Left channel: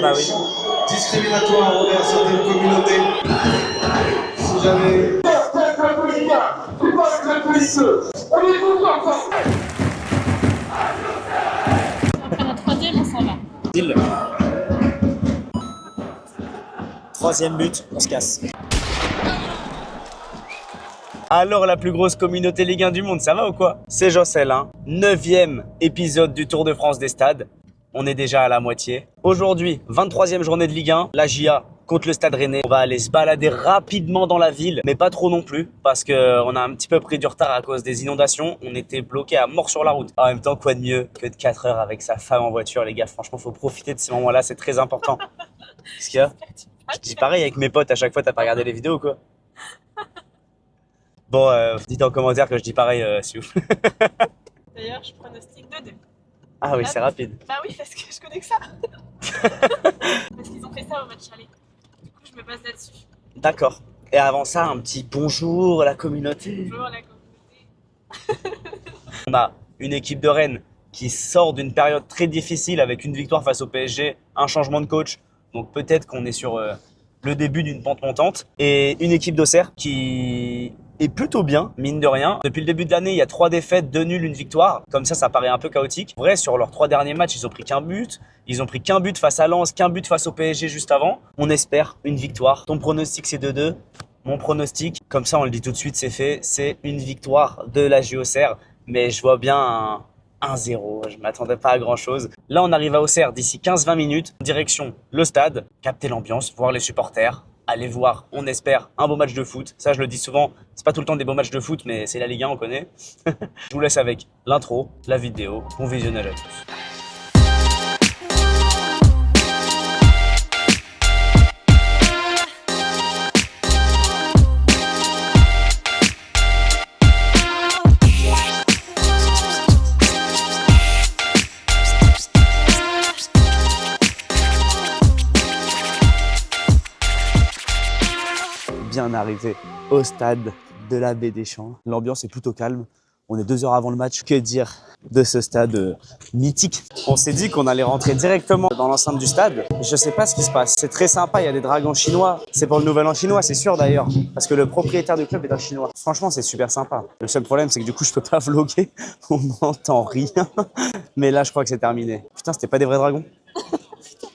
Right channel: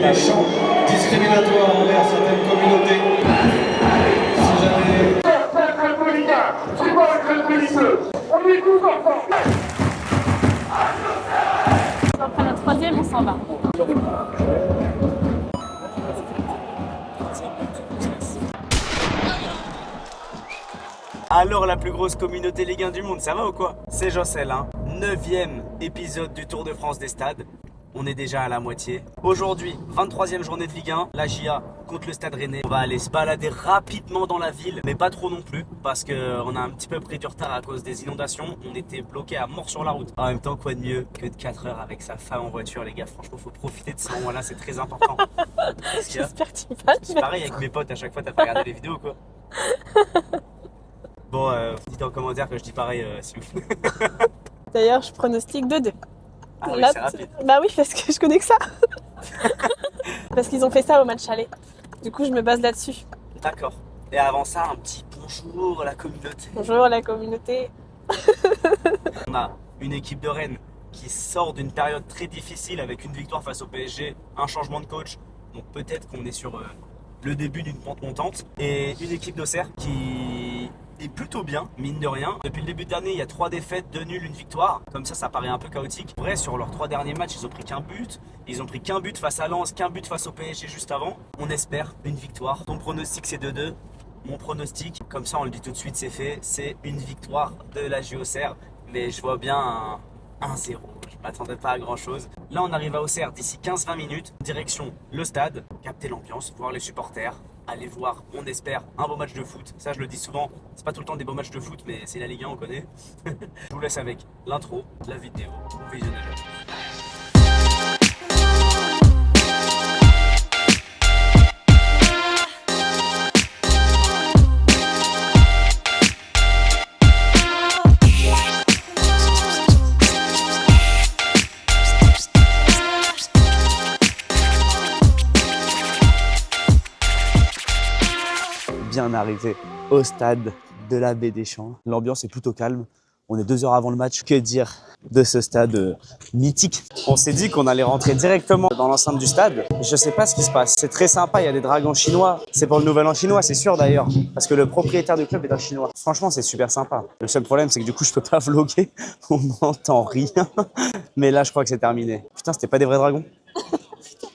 bah oui. Discriminatoire envers certaines communautés. Si jamais... Après la troisième, on s'en va. Troisième but, on se casse. Alors la plus grosse communauté Ligue 1 du monde, ça va ou quoi? C'est Jocel, hein. 9e épisode du Tour de France des stades. On est déjà à la moitié. Aujourd'hui, 23e journée de Ligue 1, la JA contre le Stade Rennais. On va aller se balader rapidement dans la ville, mais pas trop non plus, parce qu'on a un petit peu pris du retard à cause des inondations. On était bloqué à mort sur la route. En même temps, quoi de mieux que de 4 heures avec sa femme en voiture, les gars. Franchement, faut profiter de ces moments-là, c'est très important. Qu'est-ce qu'il y a? J'espère que tu vas. Je dis pareil avec mes potes, à chaque fois, t'as pas regardé les vidéos ou quoi? Bon, dites en commentaire que je dis pareil, si vous. D'ailleurs, je pronostique 2-2. Ah oui, Là, c'est rapide. Bah oui, parce que je connais que ça. Parce qu'ils ont fait ça au match aller. Du coup, je me base là-dessus. D'accord. Et avant ça, un petit bonjour à la communauté. Bonjour la communauté. On a une équipe de Rennes qui sort d'une période très difficile avec une victoire face au PSG, un changement de coach. Donc peut-être qu'on est sur le début d'une pente montante. Et une équipe d'Auxerre qui est plutôt bien, mine de rien. Depuis le début de l'année, il y a 3 défaites, 2 nuls, 1 victoire. Comme ça paraît un peu chaotique. En vrai, sur leurs 3 derniers matchs, ils ont pris qu'un but. Ils ont pris qu'un but face à Lens, qu'un but face au PSG juste avant. On espère une victoire. Ton pronostic, c'est 2-2. Mon pronostic, comme ça on le dit tout de suite, c'est fait, c'est une victoire de la JO Auxerre. Mais je vois bien un 1-0, je m'attendais pas à grand chose. Là on arrive à Auxerre d'ici 15-20 minutes, direction le stade, capter l'ambiance, voir les supporters, aller voir, on espère, un beau match de foot. Ça je le dis souvent, c'est pas tout le temps des beaux matchs de foot, mais c'est la Ligue 1, on connaît. Je vous laisse avec l'intro, la vidéo, bon visionnage à tous. Bien arrivé au stade de la Baie des Champs. L'ambiance est plutôt calme. On est 2 heures avant le match. Que dire de ce stade mythique? On s'est dit qu'on allait rentrer directement dans l'enceinte du stade. Je sais pas ce qui se passe. C'est très sympa. Il y a des dragons chinois. C'est pour le nouvel an chinois, c'est sûr d'ailleurs. Parce que le propriétaire du club est un chinois. Franchement, c'est super sympa. Le seul problème, c'est que du coup, je peux pas vlogger. On n'entend rien. Mais là, je crois que c'est terminé. Putain, c'était pas des vrais dragons?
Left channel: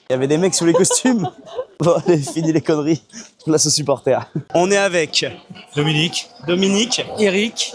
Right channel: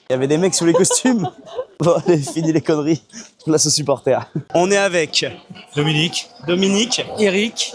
Il y avait des mecs sous les costumes. Bon, allez, fini les conneries. Place aux supporters. On est avec Dominique, Eric,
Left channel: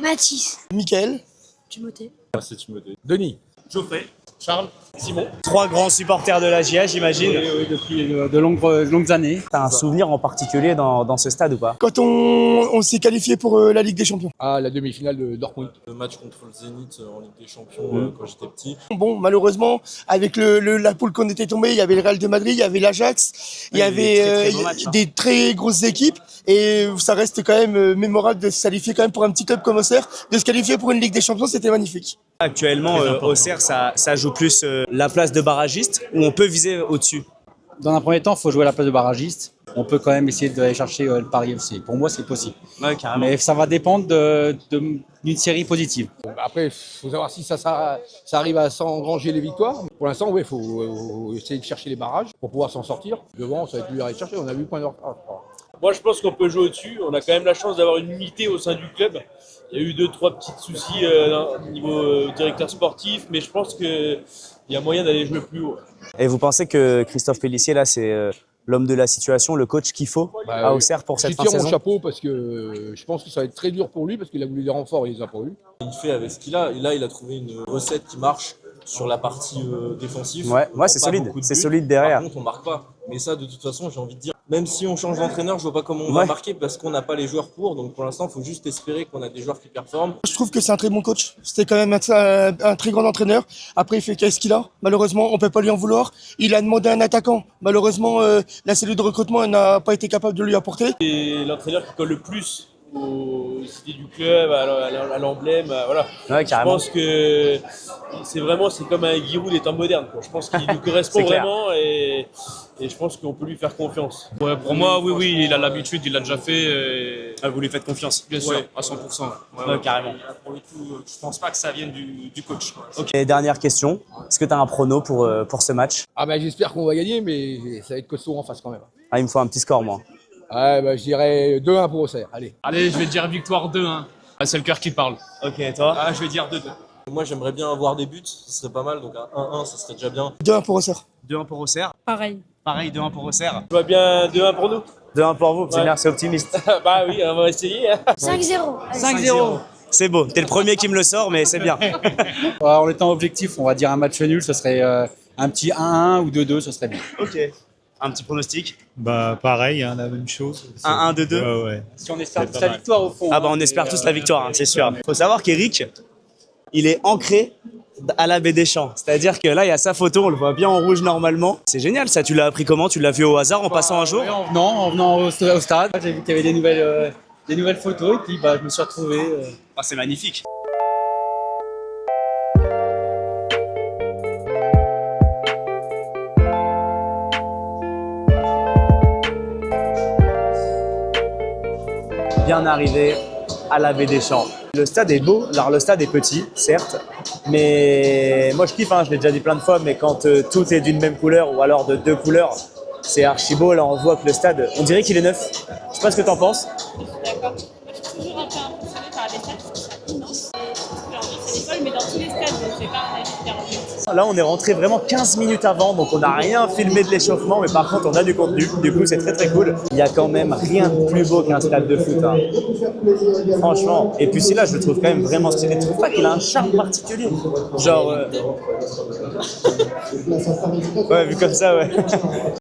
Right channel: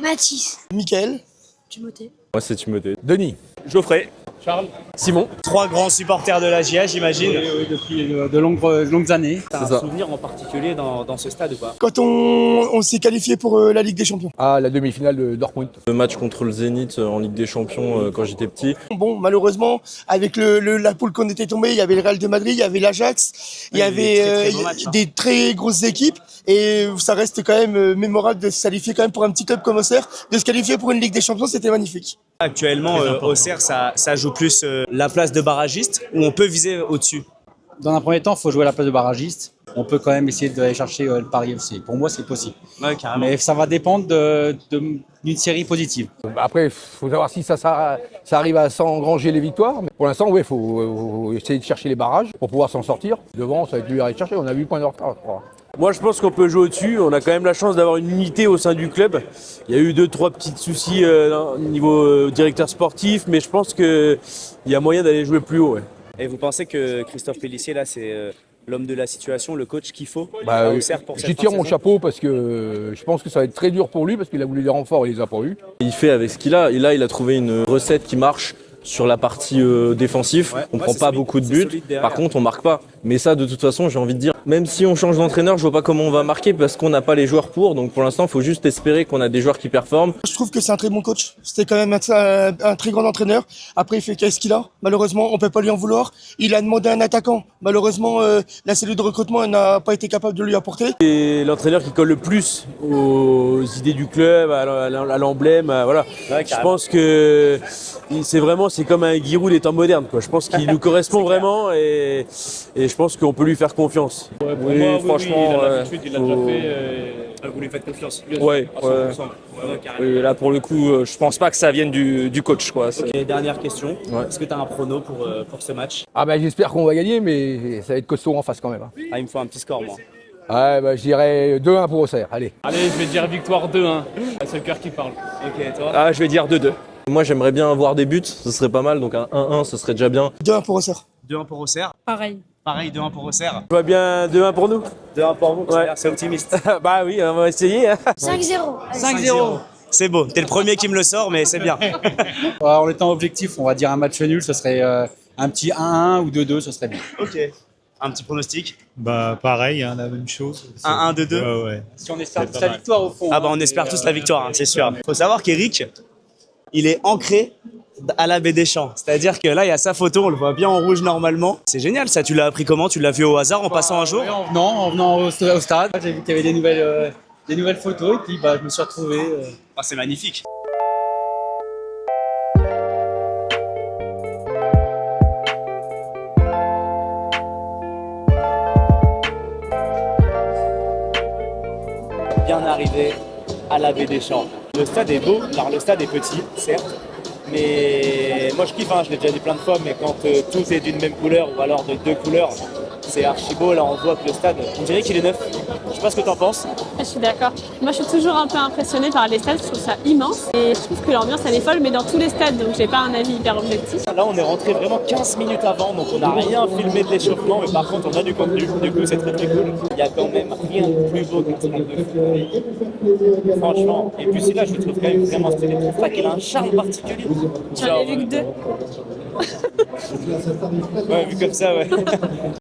Mathis. Mickaël, Timothée. moi c'est Timothée. Denis, Geoffrey, Charles, Simon. 3 grands supporters de la GIA, j'imagine. oui, depuis de longues années. T'as un souvenir en particulier dans ce stade ou pas? Quand on s'est qualifié pour la Ligue des Champions. Ah, la demi-finale de Dortmund. Le match contre le Zénith en Ligue des Champions quand j'étais petit. Bon, malheureusement, avec la poule qu'on était tombé, il y avait le Real de Madrid, il y avait l'Ajax, il y avait des très grosses équipes. Et ça reste quand même mémorable de se qualifier quand même pour un petit club comme Auxerre. De se qualifier pour une Ligue des Champions, c'était magnifique. Actuellement, Auxerre, ça joue plus la place de barragiste ou on peut viser au-dessus? Dans un premier temps, il faut jouer à la place de barragiste. On peut quand même essayer d'aller chercher le Paris FC. Pour moi, c'est possible. Ouais, carrément. Mais ça va dépendre d'une série positive. Après, il faut savoir si ça arrive à s'engranger les victoires. Mais pour l'instant, il faut essayer de chercher les barrages pour pouvoir s'en sortir. Devant, ça va être dur à aller chercher. On a 8 points de retard, je crois. Moi, je pense qu'on peut jouer au-dessus. On a quand même la chance d'avoir une unité au sein du club. Il y a eu 2-3 petits soucis au niveau directeur sportif, mais je pense qu'il y a moyen d'aller jouer plus haut. Ouais. Et vous pensez que Christophe Pélissier, là, c'est l'homme de la situation, le coach qu'il faut à Auxerre pour cette fin de Je tire mon saison? chapeau parce que je pense que ça va être très dur pour lui parce qu'il a voulu des renforts et il les a pas eu. Il fait avec ce qu'il a. Et là, il a trouvé une recette qui marche sur la partie défensive. Ouais, On ouais, prend c'est pas solide, beaucoup de c'est buts. solide derrière. Par contre, on marque pas. Mais ça, de toute façon, j'ai envie de dire, même si on change d'entraîneur, je vois pas comment on va marquer parce qu'on n'a pas les joueurs pour. Donc pour l'instant, il faut juste espérer qu'on a des joueurs qui performent. Je trouve que c'est un très bon coach. C'était quand même un très grand entraîneur. Après, il fait qu'est-ce qu'il a. Malheureusement, on peut pas lui en vouloir. Il a demandé un attaquant. Malheureusement, la cellule de recrutement n'a pas été capable de lui apporter. Et l'entraîneur qui colle le plus aux idées du club, à l'emblème, voilà. Ouais, Je pense que c'est comme un Giroud des temps modernes, quoi. Je pense qu'il nous correspond vraiment et je pense qu'on peut lui faire confiance. Ouais, pour moi, oui, franchement, il a l'habitude, il l'a déjà fait. Ah, vous lui faites confiance. Ouais, À 100%. Ouais, carrément. Et là, pour le coup, je pense pas que ça vienne du coach, quoi. Ok, dernière question. Ouais. Est-ce que tu as un prono pour ce match? Ah bah j'espère qu'on va gagner, mais ça va être costaud en face quand même. Hein. Ah, il me faut un petit score, moi. Ah bah je dirais 2-1 pour Auxerre, allez. Allez, je vais dire victoire 2-1. C'est le cœur qui parle. Ok, et toi? Ah, je vais dire 2-2. Moi, j'aimerais bien avoir des buts, ce serait pas mal, donc un 1-1, ce serait déjà bien. 2-1 pour Auxerre. 2-1 pour Auxerre. Pareil. Pareil, 2-1 pour Auxerre. Je vois bien 2-1 pour nous. 2-1 pour vous, Ouais. c'est optimiste. Bah oui, on va essayer. Hein. 5-0. 5-0. C'est beau, t'es le premier qui me le sort, mais c'est bien. En étant objectif, on va dire un match nul, ce serait un petit 1-1 ou 2-2, ce serait bien. Ok. Un petit pronostic? Bah pareil, hein, la même chose. 1-1, 2-2. Ouais, ouais. Si on espère C'est tous pas la mal. victoire au fond. Ah bah on espère tous la victoire, hein, c'est sûr. Faut savoir qu'Eric, il est ancré à la baie des Champs. C'est-à-dire que là, il y a sa photo, on le voit bien en rouge normalement. C'est génial ça, tu l'as appris comment? Tu l'as vu au hasard en passant un jour? Ouais, en venant au stade, j'ai vu qu'il y avait des nouvelles photos et puis bah, je me suis retrouvé. Ah, c'est magnifique. Bien arrivé à la baie des Champs. Le stade est beau, alors le stade est petit, certes, mais moi je kiffe, hein, je l'ai déjà dit plein de fois, mais quand tout est d'une même couleur ou alors de deux couleurs, c'est archi beau. Là, on voit que le stade, on dirait qu'il est neuf. Je sais pas ce que t'en penses. Je suis d'accord. Moi, je suis toujours un peu impressionnée par les stades. Je trouve ça immense. Et je trouve que l'ambiance, elle est folle, mais dans tous les stades. Donc, j'ai pas un avis hyper objectif. Là, on est rentré vraiment 15 minutes avant, donc on n'a rien filmé de l'échauffement, mais par contre, on a du contenu. Du coup, c'est très très cool. Il y a quand même rien de plus beau qu'un stade de foot. Hein. Franchement. Et puis, celui-là, je le trouve quand même vraiment stylé. Tu trouves pas qu'il a un charme particulier? J'en ai vu que 2. Ouais, vu comme ça, ouais.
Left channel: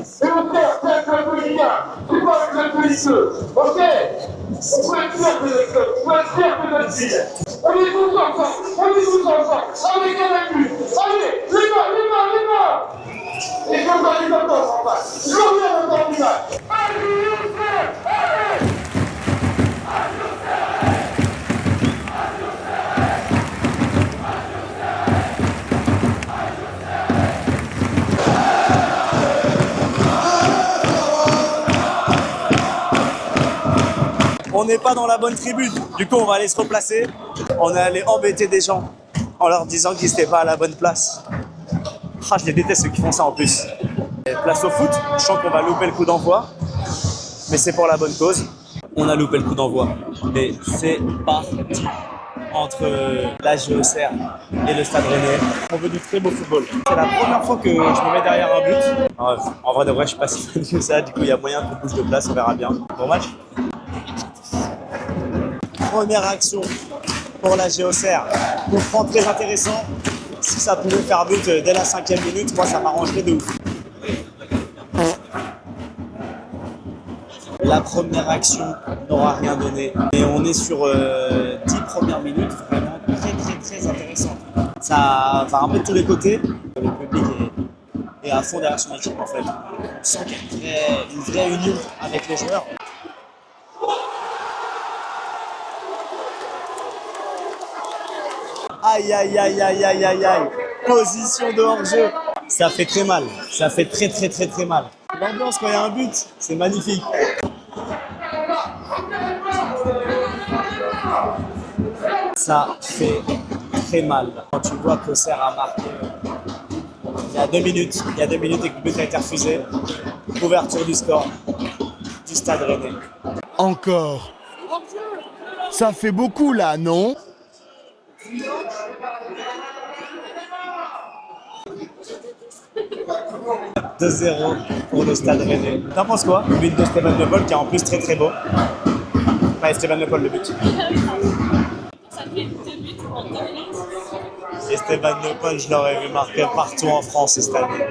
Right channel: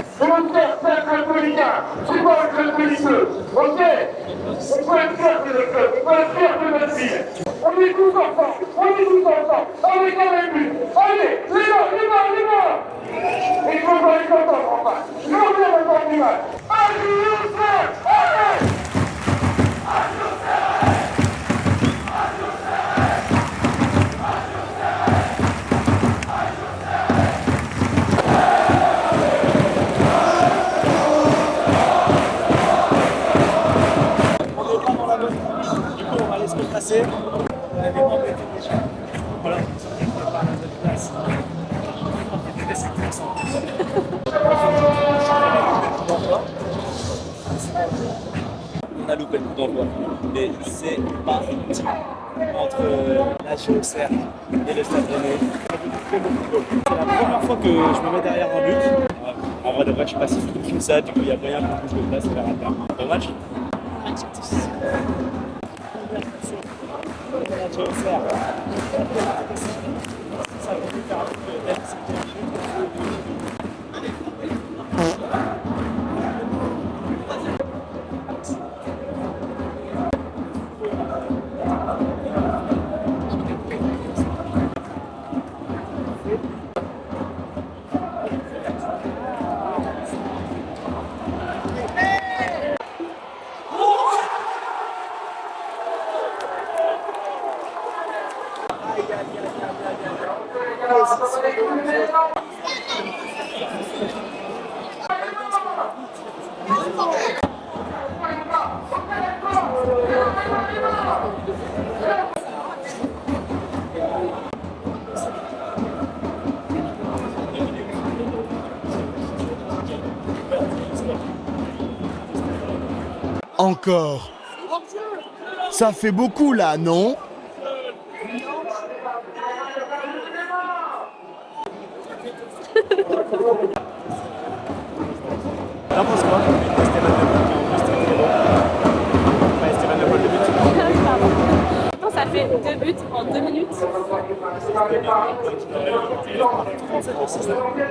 C'est le frère, c'est un club politique. C'est quoi le club politique? Ok. On peut être fier de notre club, on peut être fier de notre ville. On est tous ensemble, avec un même but. Allez, les mains. Et je veux voir les entendre en face. Je veux voir les entendre. Allez, allez. On n'est pas dans la bonne tribune. Du coup, on va aller se replacer. On est allé embêter des gens en leur disant qu'ils n'étaient pas à la bonne place. Ah, je les déteste ceux qui font ça en plus. Place au foot, on chante qu'on a loupé le coup d'envoi. Mais c'est pour la bonne cause. On a loupé le coup d'envoi. Mais c'est parti entre la Auxerre et le Stade Rennais. On veut du très beau football. C'est la première fois que je me mets derrière un but. En vrai de vrai, je suis pas si fan que ça. Du coup, il y a moyen qu'on bouge de place, on verra bien. Bon match. Première action pour la Auxerre. Coup franc très intéressant. Si ça pouvait faire but dès la 5e minute, moi ça m'arrangerait de ouf. La première action n'aura rien donné. Et on est sur 10 premières minutes vraiment très intéressant. Ça va un peu de tous les côtés. Le public est à fond derrière son équipe en fait. On sent qu'il y a une vraie union avec les joueurs. Aïe. Position de hors-jeu. Ça fait très mal. Ça fait très mal. L'ambiance quand il y a un but, c'est magnifique. Ça fait très mal. Quand tu vois que Auxerre a marqué il y a 2 minutes et que le but a été refusé. Ouverture du score du Stade Rennais. Encore. Ça fait beaucoup là, non? « 2-0 pour le Stade Rennais. T'en penses quoi? Le but de Stéphane Le Paul qui est en plus très beau. Ouais, Stéphane Le Paul le but. Non, ça fait 2 buts en 2 minutes. Et Stéphane Le Paul, je l'aurais vu marquer partout en France cette année.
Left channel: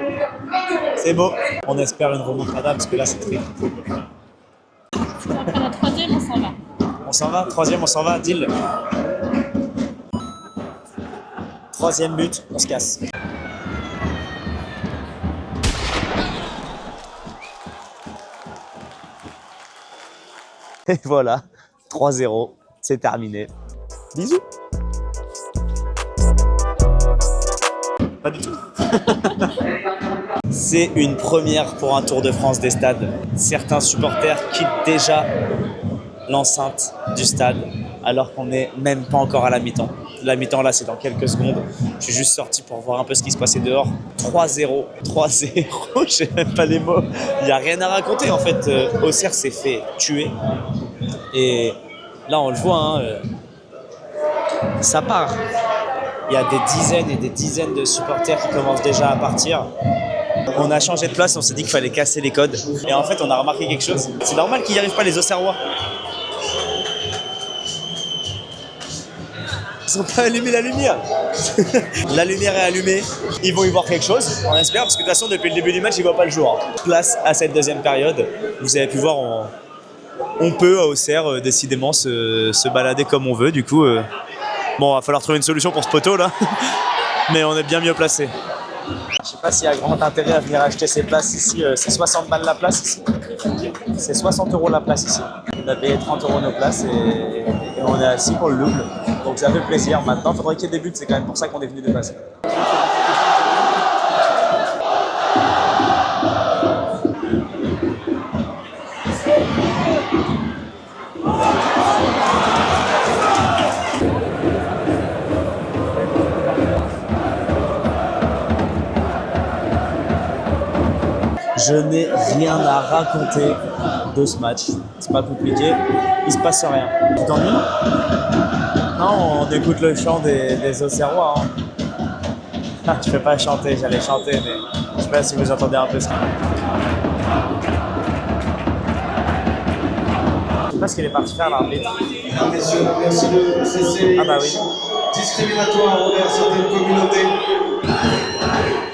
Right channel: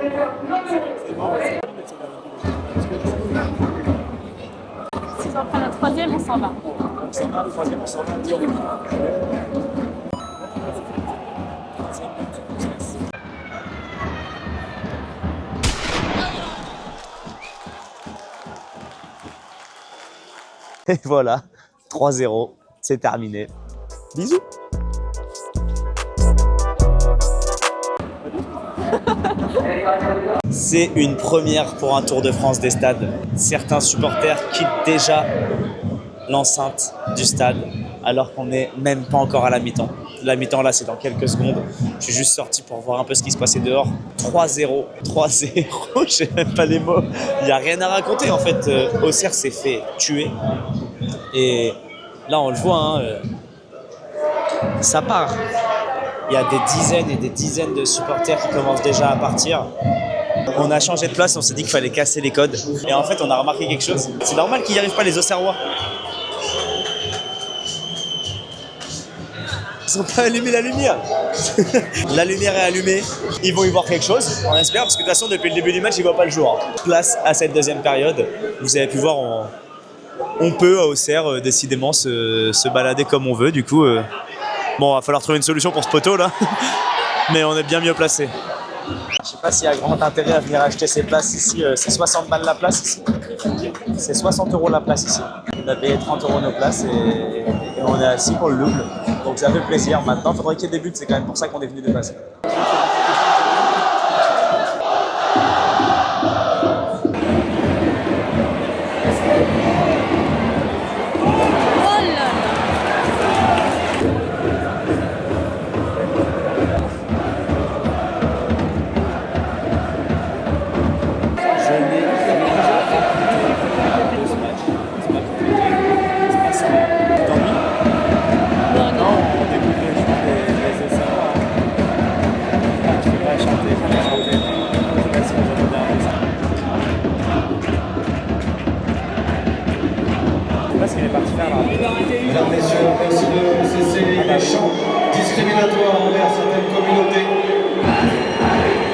C'est beau. On espère une remontada parce que là c'est très. Après la 3e, on s'en va. On s'en va, 3e, on s'en va, deal. 3e but, on se casse. Et voilà, 3-0, c'est terminé. Bisous. Pas du tout. C'est une première pour un Tour de France des stades. Certains supporters quittent déjà l'enceinte du stade alors qu'on n'est même pas encore à la mi-temps. La mi-temps là c'est dans quelques secondes. Je suis juste sorti pour voir un peu ce qui se passait dehors. 3-0, 3-0, j'ai même pas les mots. Il n'y a rien à raconter en fait. Auxerre s'est fait tuer. Et là on le voit, hein, ça part. Il y a des dizaines et des dizaines de supporters qui commencent déjà à partir. On a changé de place, on s'est dit qu'il fallait casser les codes. Et en fait, on a remarqué quelque chose. C'est normal qu'il n'y arrive pas les Auxerrois. Ils n'ont pas allumé la lumière. La lumière est allumée. Ils vont y voir quelque chose, on espère, parce que de toute façon, depuis le début du match, ils ne voient pas le jour. Place à cette deuxième période. Vous avez pu voir, on peut à Auxerre décidément se balader comme on veut. Du coup, bon, il va falloir trouver une solution pour ce poteau là. Mais on est bien mieux placé. Je sais pas s'il y a grand intérêt à venir acheter ces places ici. C'est 60 balles la place ici. C'est 60 € la place ici. On a payé 30 € nos places et on est assis pour le double. Donc ça fait plaisir. Maintenant, il faudrait qu'il y ait des buts. C'est quand même pour ça qu'on est venu dépasser. Je n'ai rien à raconter de ce match. C'est pas compliqué. Il se passe rien. Tu t'ennuies? Non, on écoute le chant des Auxerrois. Hein. Ah, tu fais pas chanter, j'allais chanter, mais je sais pas si vous entendez un peu ça. Je sais pas ce qu'elle est partie faire là. Mesdames, messieurs, merci de cesser les méchants discriminatoires envers certaines communautés.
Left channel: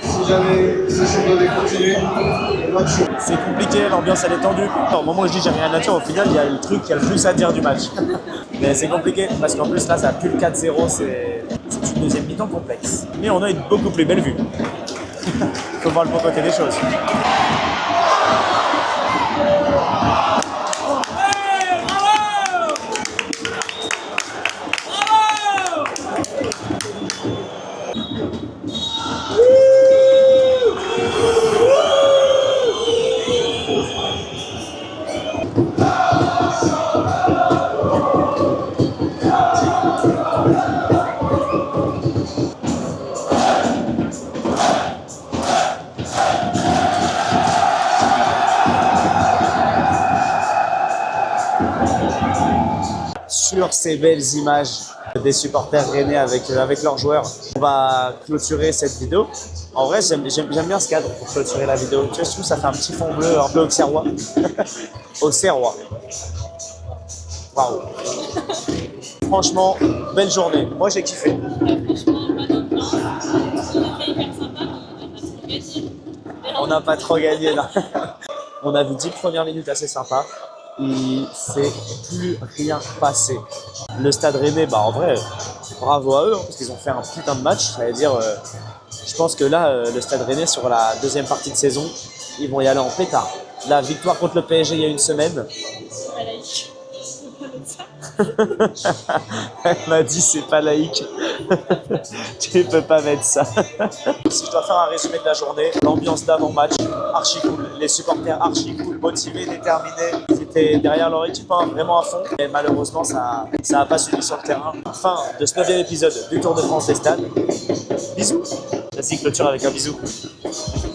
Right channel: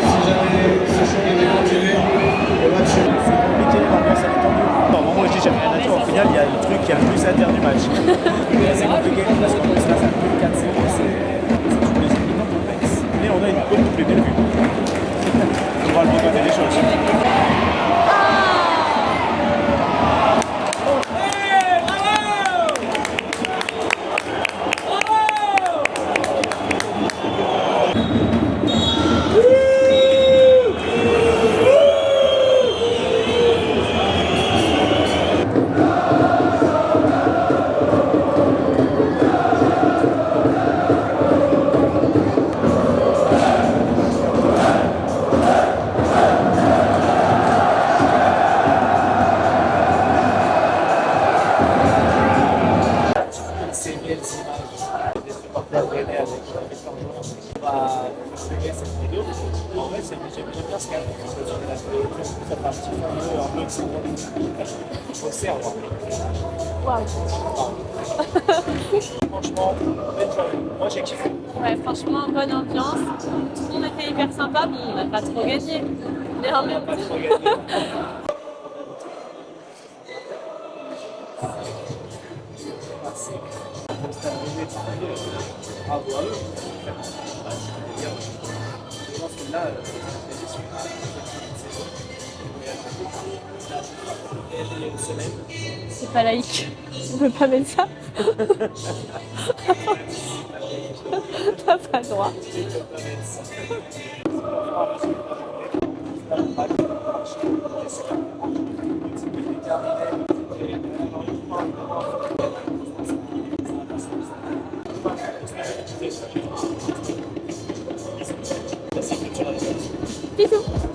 Si jamais ce championnat continue, le match. C'est compliqué, l'ambiance elle est tendue. Au moment où je dis j'ai rien à dire, au final il y a le truc qui a le plus à dire du match. Mais c'est compliqué parce qu'en plus là ça a plus de 4-0, c'est une deuxième mi-temps complexe. Mais on a une beaucoup plus belle vue. Il faut voir le bon côté des choses. Sur ces belles images des supporters rennais avec leurs joueurs, on va clôturer cette vidéo. En vrai, j'aime bien ce cadre pour clôturer la vidéo. Tu vois, je trouve que ça fait un petit fond bleu un peu auxerrois. Auxerrois. Waouh. Franchement, belle journée. Moi, j'ai kiffé. Ouais, franchement, bonne ambiance. On était hyper sympa, mais on n'a pas trop gagné. On n'a pas trop gagné là. On a vu 10 premières minutes assez sympas. Il s'est plus rien passé. Le Stade Rennais, bah en vrai, bravo à eux, parce qu'ils ont fait un putain de match. Ça veut dire, je pense que là, le Stade Rennais, sur la deuxième partie de saison, ils vont y aller en pétard. La victoire contre le PSG il y a une semaine. C'est pas laïque. Tu peux pas mettre ça? Elle m'a dit c'est pas laïque. T'as pas le droit. Tu peux pas mettre ça. Si je dois faire un résumé de la journée, l'ambiance d'avant-match, archi cool. Les supporters archi cool, motivés, déterminés. Ils étaient derrière leur équipe vraiment à fond. Et malheureusement, ça n'a pas suivi sur le terrain. Fin de ce 9e épisode du Tour de France des stades. Bisous. Classique clôture avec un bisou. Bisous.